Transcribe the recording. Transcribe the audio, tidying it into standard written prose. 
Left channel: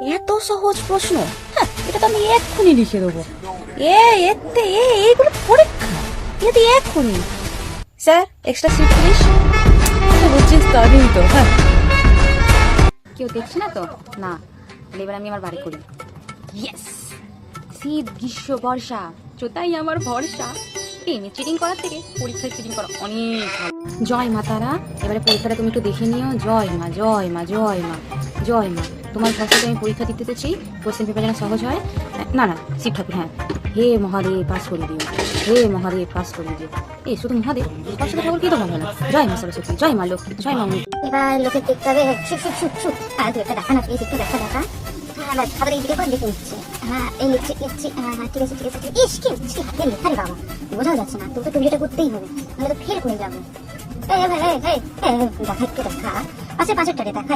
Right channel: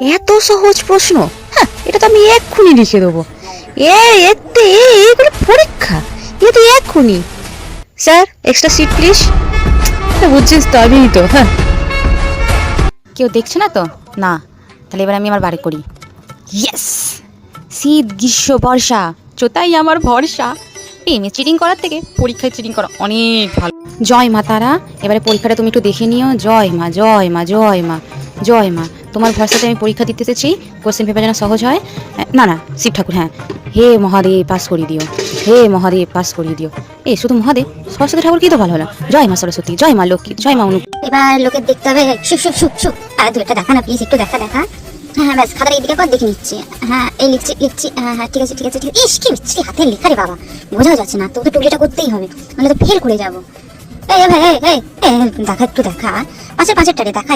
এত সহজ প্রশ্ন? হ্যাঁ, এটা তো আমি এক্ষুনি লিখে দেবো। এগুলো পরীক্ষা, এটা তো এক্ষুনি। Sir, extra seat please. বুঝছিস তো, আমিই তো। হ্যাঁ, কেউ দেখছে না তো? না। তাহলে এবার আমি আমার বাড়ি করি। ইয়েস! শীত, গ্রীষ্ম, বর্ষা, চোতাই আমার ভরসা। প্রেমে চিটিং করার থেকে পরীক্ষায় চিটিং করা অনেক ভালো। জয় মা তারা, এবারে পরীক্ষাটা তুমি একটু দেখে নিও। জয় মা, জয় মা, জয় মা, জয় মা। তোমার ভরসাতে আমি পরীক্ষা দিতে এসেছি। কোশ্চেন পেপার যেন সহজ হয়। না না, শিব ঠাকুর, হ্যাঁ। হে মহাদেব, পাস করিয়ে দিও। হে মহাদেব, পাস করিয়ে দিও। শুধু মহাদেব, সরস্বতী ঠাকুর কি তো ভালো হলো। জয় মা সরস্বতী, জয় মা লক্ষ্মী, জয় মা অনু। এবার লোকের দেখতে হবে। শুক শুক শুক শুক। দুইটা দেখা না প্লিজ, একটু দেখা দেখা। হ্যাঁ ব্যাস, খাতার এইদিকে পর দেখে নিচ্ছি। হ্যাঁ এই লিখছি লিখছি। হ্যাঁ ঠিক আছে ঠিক আছে ঠিক আছে। ইস কি মিষ্টি হাতের লেখা রে বাবা, বোঝাও যাচ্ছে না। তোকে টুকলিটা করতেই হবে, নাহলে তো ফেল করে যাবো। এই ভাই, এই দেখা একটু দেখা। পাঁচেরটারে দেখা।